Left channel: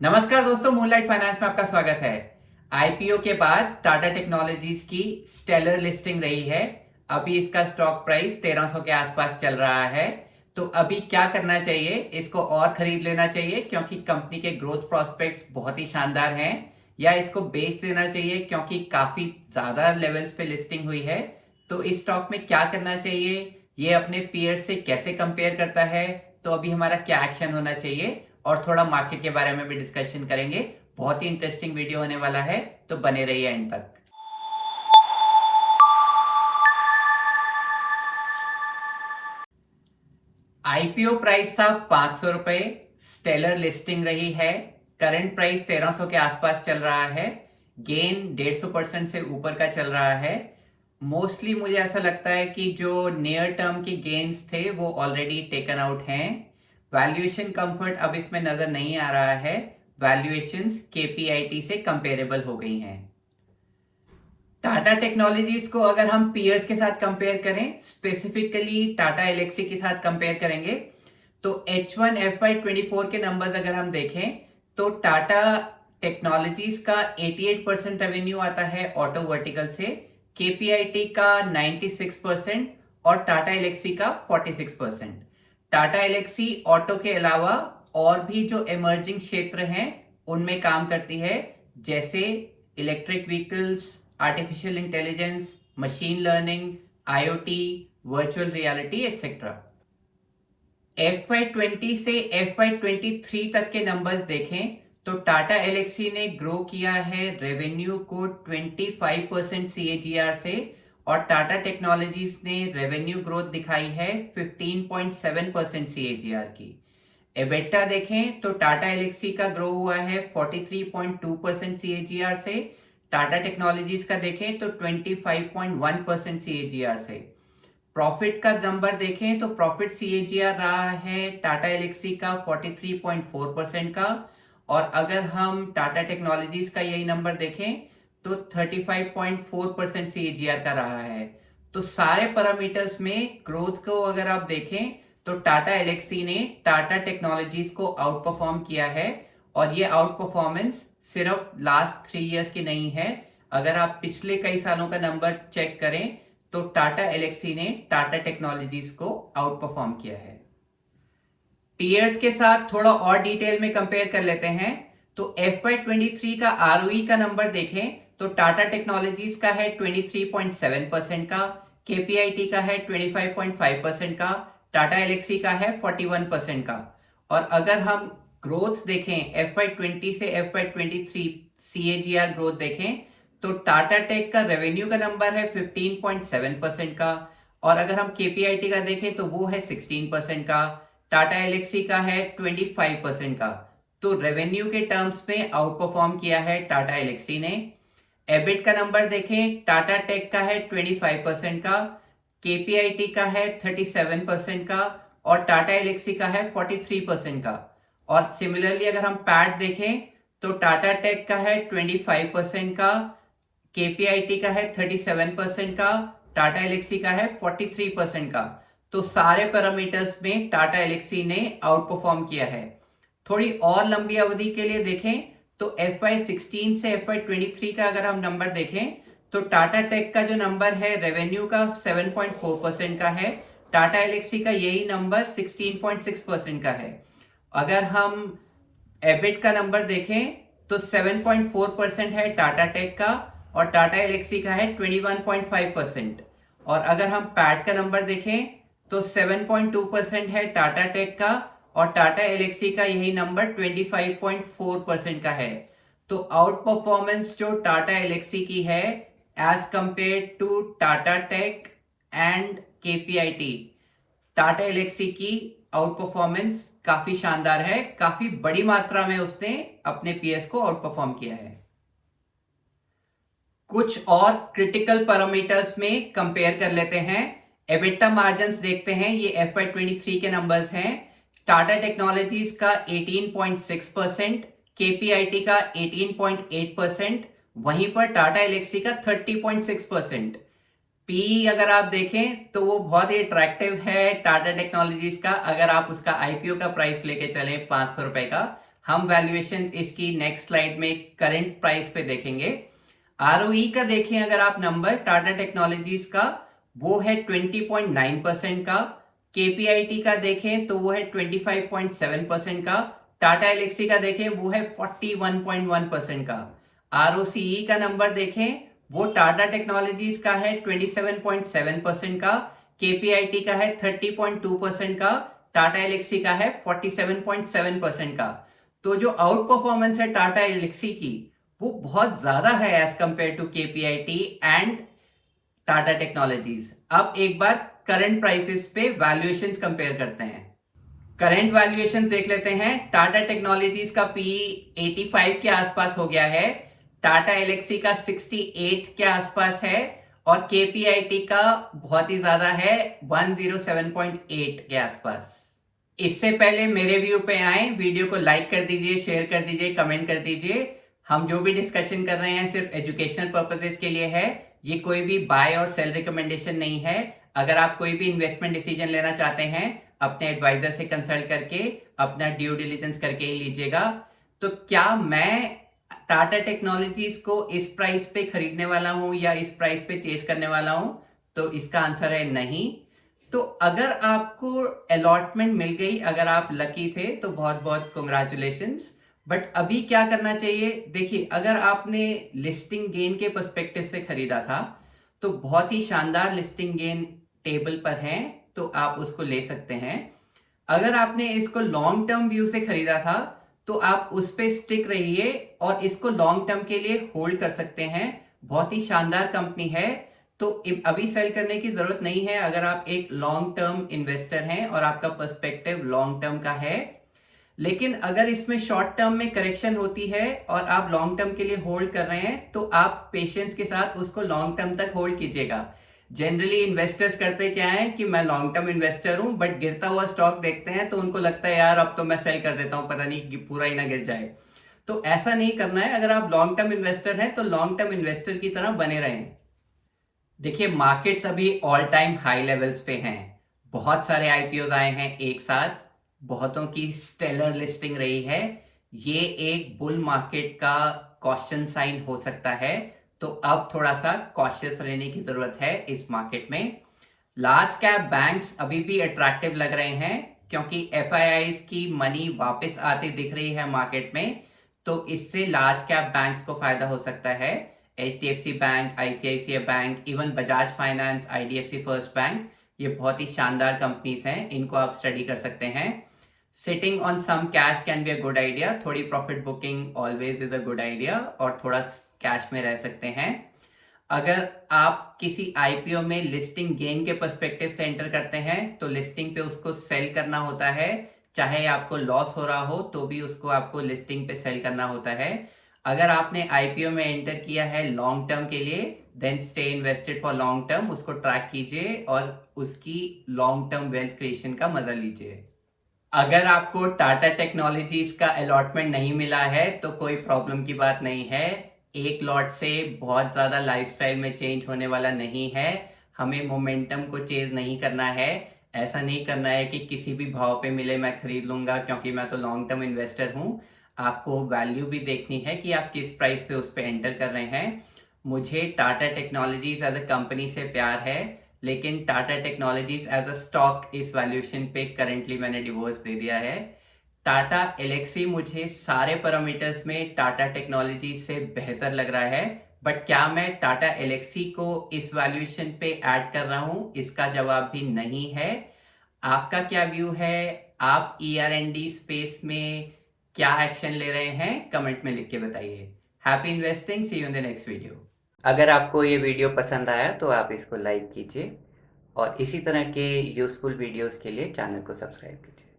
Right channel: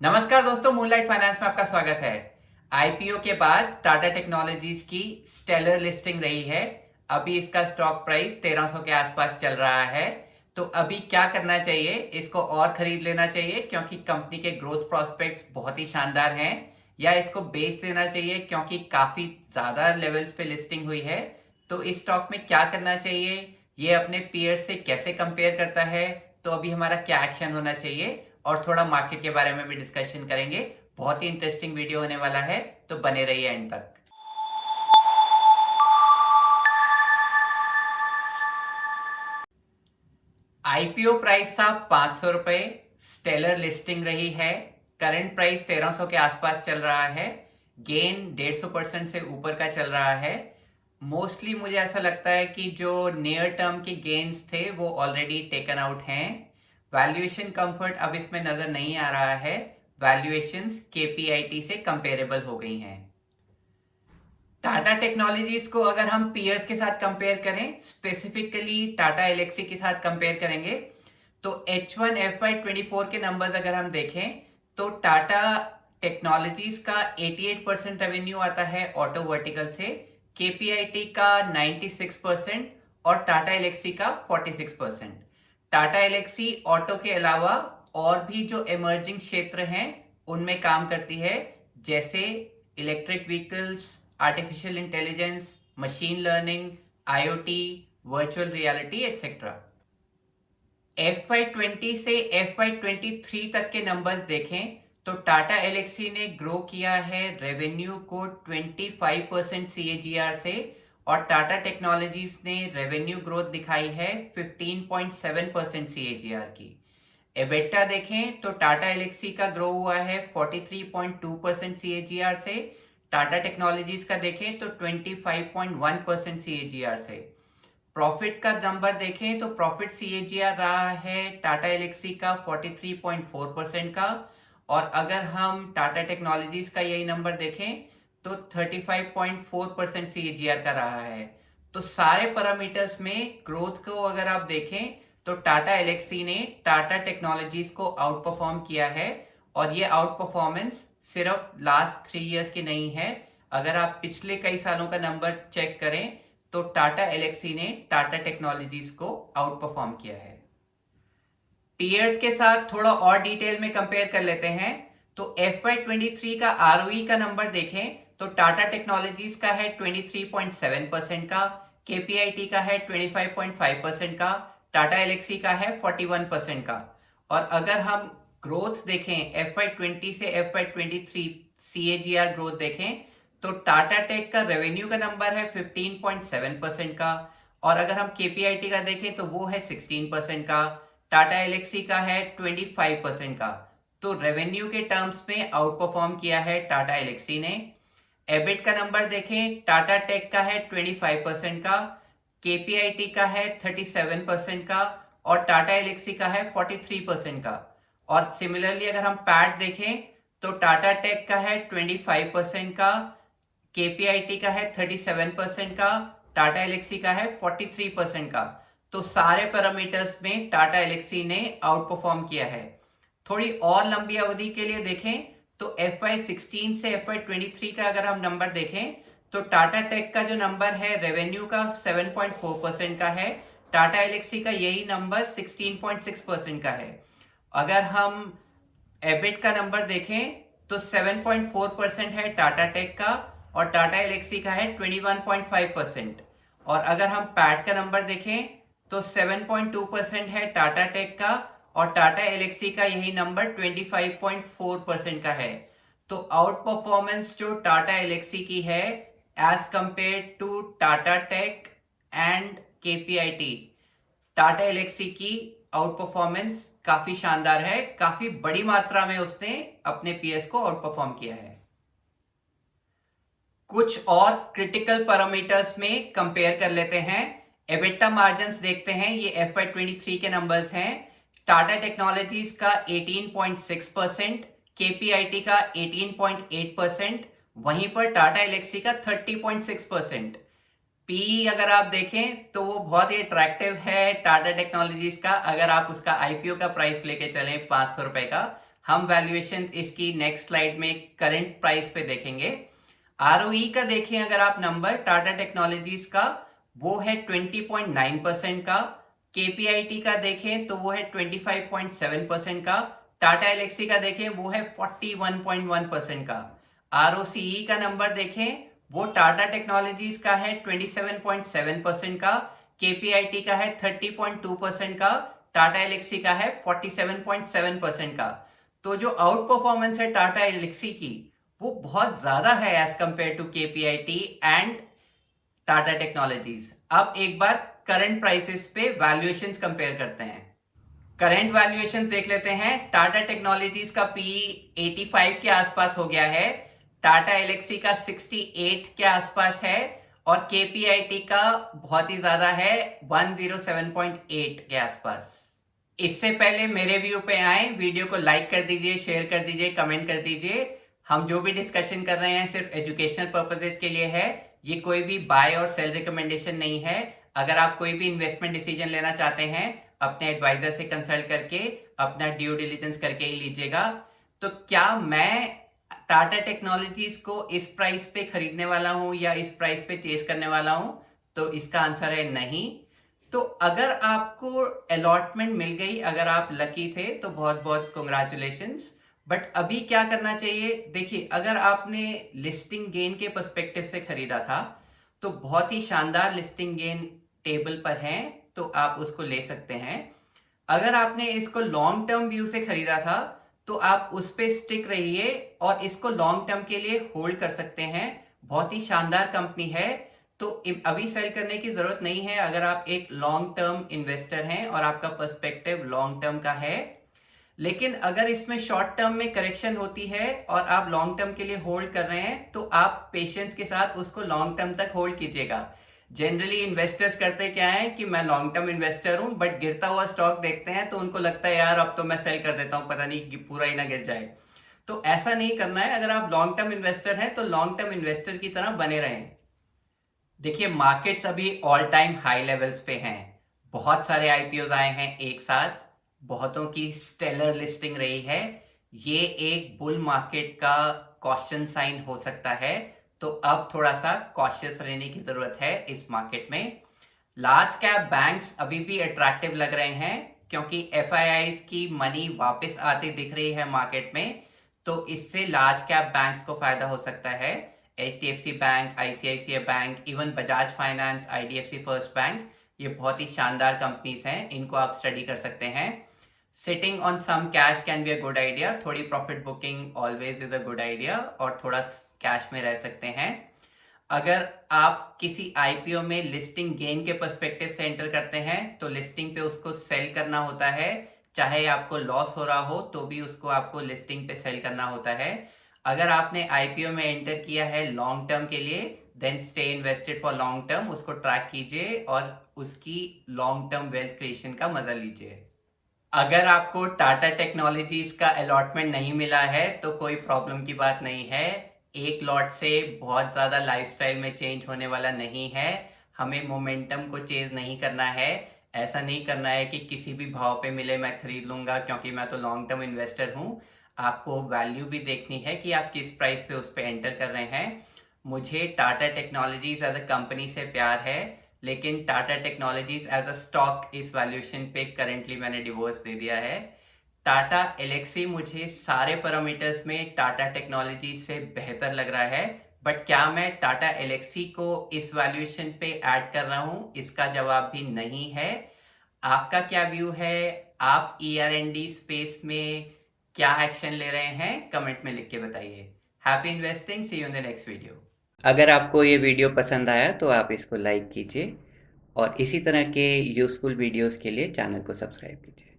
नमस्कार दोस्तों, moonlight finance में आपका स्वागत है। आईपीओ के बाद टाटा टेक्नोलॉजीज की स्टेलर लिस्टिंग रही है। अभी इसका स्टॉक प्राइस 1300 के आसपास चल रहा है। तो अभी क्या करना चाहिए? इसको और खरीद लेना चाहिए क्योंकि कंपनी के ग्रोथ प्रोस्पेक्ट्स बहुत ही शानदार हैं, या इसको बेच देना चाहिए क्योंकि काफी ज्यादा लेवल्स पे लिस्टिंग हुई है। तो इस स्टॉक में क्या करना चाहिए, ये अपने पीयर से कैसे कंपेयर करता है, तो अभी हमारा क्या एक्शन होना चाहिए, और थोड़ा मार्केट के बारे में भी डिस्कशन करेंगे। बहुत ही इंटरेस्टिंग वीडियो होने वाला है, तो बने रहिए एंड तक। आईपीओ प्राइस था 500 रुपए, स्टेलर लिस्टिंग रही है। करंट प्राइस 1300 के आसपास चल रहा है। गेन 150% से ऊपर का चल रहा है। मोस्टली मुझे ऐसा लगता है कि जो नियर टर्म के गेन्स थे वो ऑलरेडी टेकन आउट हैं। वैल्यूएशन कंफर्ट अब इसमें नजर नहीं आ रहा है। वैल्यूएशंस केपीआईटी से कंपेरेबल हो गई हैं। टाटा टेक्नोलॉजीज को अगर हम पीयर्स के साथ कंपेयर करें, स्पेसिफिकली टाटा एलेक्सी के साथ कंपेयर करेंगे, तो H1 FY24 के नंबर्स अगर हम देखें तो टाटा टेक्नोलॉजीज का 88% रेवेन्यू आता है ऑटो वर्टिकल से, केपीआईटी का 96% और टाटा एलेक्सी का 46%। टाटा एलेक्सी ऑटो के अलावा और भी जो इमर्जिंग क्षेत्र हैं उनमें काम करती है, जैसे electric vehicles, artificial intelligence, machine learning, IoT, virtual reality etcetera. FY20 से FY23 तक के नंबर्स देखें तो टाटा एलेक्सी ने ग्रो किया है रेवेन्यू को 25% CAGR से, और टाटा टेक्नोलॉजीज ने रेवेन्यू ग्रोथ दिखाई है 15.7% CAGR की। एबिटा देखें तो टाटा एलेक्सी का ग्रो हुआ है 43.2% CAGR से, टाटा टेक्नोलॉजीज का देखें तो 25.1% CAGR से। प्रॉफिट का नंबर देखें तो प्रॉफिट सीएजीआर रहा है टाटा एलेक्सी का 43.4% का, और अगर हम टाटा टेक्नोलॉजीज का यही नंबर देखें तो 35.4% सीएजीआर का रहा है। तो सारे पैरामीटर्स में ग्रोथ को अगर आप देखें तो टाटा एलेक्सी ने टाटा टेक्नोलॉजीज को आउट परफॉर्म किया है, और ये आउट परफॉर्मेंस सिर्फ लास्ट 3 इयर्स की नहीं है। अगर आप पिछले कई सालों का नंबर चेक करें तो टाटा एलेक्सी ने टाटा टेक्नोलॉजीज को आउट परफॉर्म किया है। पीयर्स के साथ थोड़ा और डिटेल में कंपेयर कर लेते हैं। तो FY23 का आरओई का नंबर देखें तो टाटा टेक्नोलॉजीज का है 23.7% का, केपीआईटी का है 25.5% का, टाटा एलेक्सी का है 41% का। और अगर हम ग्रोथ देखें FY20 से FY23 CAGR ग्रोथ देखें तो टाटा टेक का रेवेन्यू का नंबर है 15.7% का, और अगर हम केपीआईटी का देखें तो वो है 16% का, टाटा एलेक्सी का है 25% का। तो रेवेन्यू के टर्म्स में आउट परफॉर्म किया है टाटा एलेक्सी ने। एबिट का नंबर देखें, टाटा टेक का है 25% का, केपीआईटी का है 37% का, और टाटा एलेक्सी का है 43% का। और सिमिलरली अगर हम पैट देखें तो टाटा टेक का है 25% का, केपीआईटी का है 37% का, टाटा एलेक्सी का है 43% का। तो सारे पैरामीटर्स में टाटा एलेक्सी ने आउट परफॉर्म किया है। थोड़ी और लंबी अवधि के लिए देखें तो FY16 से FY23 का अगर हम नंबर देखें तो टाटा टेक का जो नंबर है रेवेन्यू का 7.4% का है, टाटा एलेक्सी का यही नंबर 16.6% का है। अगर हम एबिट का नंबर देखें तो 7.4% है टाटा टेक का, और टाटा एलेक्सी का है 21.5%। और अगर हम पैट का नंबर देखें तो 7.2% है टाटा टेक का, और टाटा एलेक्सी का यही नंबर 25.4% का है। तो आउट परफॉर्मेंस जो टाटा एलेक्सी की है as compare to Tata tech and KPIT, Tata Elxsi की आउट परफॉर्मेंस काफी शानदार है। काफी बड़ी मात्रा में उसने अपने पीएस को आउट परफॉर्म किया है। कुछ और क्रिटिकल पैरामीटर्स में कंपेयर कर लेते हैं। एबिटा मार्जिन्स देखते हैं, ये FY23 के नंबर्स हैं। टाटा टेक्नोलॉजीज का 18.6%, केपीआईटी का 18.8%, वहीं पर टाटा एलेक्सी का 30.6%। पी अगर आप देखें तो वो बहुत ही अट्रैक्टिव है टाटा टेक्नोलॉजीज का, अगर आप उसका आईपीओ का प्राइस लेके चलें 500 रुपए का। हम वैल्यूएशन इसकी नेक्स्ट स्लाइड में करंट प्राइस पे देखेंगे। आरओई का देखें अगर आप नंबर टाटा टेक्नोलॉजीज का, वो है 20.9% का। केपीआईटी का देखें तो वो है 25.7% का। टाटा एलेक्सी का देखें वो है 41.1% का। आरओसीई का नंबर देखें वो टाटा टेक्नोलॉजीज का है 27.7% का। केपीआईटी का है 30.2% का। टाटा एलेक्सी का है 47.7% का। तो जो आउट परफॉर्मेंस है टाटा एलेक्सी की, वो बहुत ज्यादा है as compare to KPIT and Tata technologies. अब एक बार करंट प्राइसेस पे वैल्यूएशंस कंपेयर करते हैं। करंट वैल्यूएशंस देख लेते हैं। टाटा टेक्नोलॉजीज का पी 85 के आसपास हो गया है, टाटा एलेक्सी का 68 के आसपास है और केपीआईटी का बहुत ही ज्यादा है, 107.8 के आसपास। इससे पहले मेरे व्यू पे आए, वीडियो को लाइक कर दीजिए, शेयर कर दीजिए, कमेंट कर दीजिए। हम जो भी डिस्कशन कर रहे हैं सिर्फ एजुकेशनल पर्पसेस के लिए है, ये कोई भी बाय और सेल रिकमेंडेशन नहीं है। अगर आप कोई भी इन्वेस्टमेंट डिसीजन लेना चाहते हैं, अपने एडवाइजर से कंसल्ट करके अपना ड्यू डिलिजेंस करके ही लीजिएगा। तो क्या मैं टाटा टेक्नोलॉजीज को इस प्राइस पे खरीदने वाला हूं या इस प्राइस पे चेस करने वाला हूं? तो इसका आंसर है नहीं। तो अगर आपको अलॉटमेंट मिल गई, अगर आप लकी थे, तो बहुत बहुत कॉन्ग्रेचुलेशंस। बट अभी क्या करना चाहिए? देखिए, अगर आपने लिस्टिंग गेन के पर्सपेक्टिव से खरीदा था तो बहुत ही शानदार लिस्टिंग गेन टेबल पर है, तो आप उसको ले सकते हैं। अगर आपने इसको लॉन्ग टर्म व्यू से खरीदा था तो आप उस पे स्टिक रहिए और इसको लॉन्ग टर्म के लिए होल्ड कर सकते हैं। बहुत ही शानदार कंपनी है, तो अभी सेल करने की जरूरत नहीं है अगर आप एक लॉन्ग टर्म इन्वेस्टर हैं और आपका पर्सपेक्टिव लॉन्ग टर्म का है। लेकिन अगर इसमें शॉर्ट टर्म में करेक्शन होती है और आप लॉन्ग टर्म के लिए होल्ड कर रहे हैं, तो आप पेशेंस के साथ उसको लॉन्ग टर्म तक होल्ड कीजिएगा। जनरली इन्वेस्टर्स करते क्या है कि मैं लॉन्ग टर्म इन्वेस्टर हूं, बट गिरता हुआ स्टॉक देखते हैं तो उनको लगता है यार अब तो मैं सेल कर देता हूं, पता नहीं कि पूरा ही ना गिर जाए। तो ऐसा नहीं करना है। अगर आप लॉन्ग टर्म इन्वेस्टर हैं तो लॉन्ग टर्म इन्वेस्टर की तरह बने रहें। देखिए, मार्केट्स अभी ऑल टाइम हाई लेवल्स पे हैं। बहुत सारे आईपीओ आए हैं एक साथ, बहुतों की स्टेलर लिस्टिंग रही है। ये एक बुल मार्केट का कॉशन साइन हो सकता है, तो अब थोड़ा सा कॉशियस रहने की जरूरत है इस मार्केट में। लार्ज कैप बैंक्स अभी भी अट्रैक्टिव लग रहे हैं क्योंकि एफआईआईज की मनी वापस आती दिख रही है मार्केट में, तो इससे लार्ज कैप बैंक्स को फायदा हो सकता है। HDFC bank, ICICI bank, even Bajaj finance, IDFC first bank, ये बहुत ही शानदार कंपनीज हैं, इनको आप स्टडी कर सकते हैं। Sitting on some cash can be a good idea. थोड़ी profit booking always is a good idea, और थोड़ा कैश में रह सकते हैं। अगर आप किसी आईपीओ में लिस्टिंग गेन के पर्सपेक्टिव से एंटर करते हैं तो लिस्टिंग पे उसको सेल करना होता है। चाहे आपको लॉस हो रहा हो तो भी उसको आपको लिस्टिंग पे सेल करना होता है। अगर आपने आईपीओ में एंटर किया है लॉन्ग टर्म के लिए, then stay invested for long term, उसको ट्रैक कीजिए और उसकी लॉन्ग टर्म वेल्थ क्रिएशन का मजा लीजिए। अगर आपको टाटा टेक्नोलॉजीज का अलॉटमेंट नहीं मिला है तो कोई प्रॉब्लम की बात नहीं है। एक लॉट से बहुत ज़्यादा लाइफस्टाइल में चेंज होने वाला नहीं है। हमें मोमेंटम को चेज नहीं करना है। ऐसा नहीं करना है कि किसी भी भाव पे मिले मैं खरीद लूंगा क्योंकि मैं तो लॉन्ग टर्म इन्वेस्टर हूँ। आपको वैल्यू भी देखनी है कि आप किस प्राइस पे उस पर एंटर कर रहे हैं। मुझे Tata technologies as a company से प्यार है, लेकिन Tata technologies as a stock इस वैल्यूएशन पे करेंटली मैंने डिवोर्स दे दिया है। टाटा एलेक्सी मुझे सारे पैरामीटर्स में टाटा टेक्नोलॉजी से बेहतर लग रहा है, बट क्या मैं टाटा एलेक्सी को इस वैल्यूएशन पे ऐड कर रहा हूं? इसका जवाब भी नहीं है। आपका क्या व्यू है? आप ईआर&डी स्पेस में क्या एक्शन ले रहे हैं? कमेंट में लिख के बताइए। Happy investing, see you in the next video. अगर आपको ये वीडियो पसंद आया तो आप इसको लाइक कीजिए और इसी तरह के यूज़फुल वीडियोस के लिए चैनल को सब्सक्राइब कीजिए।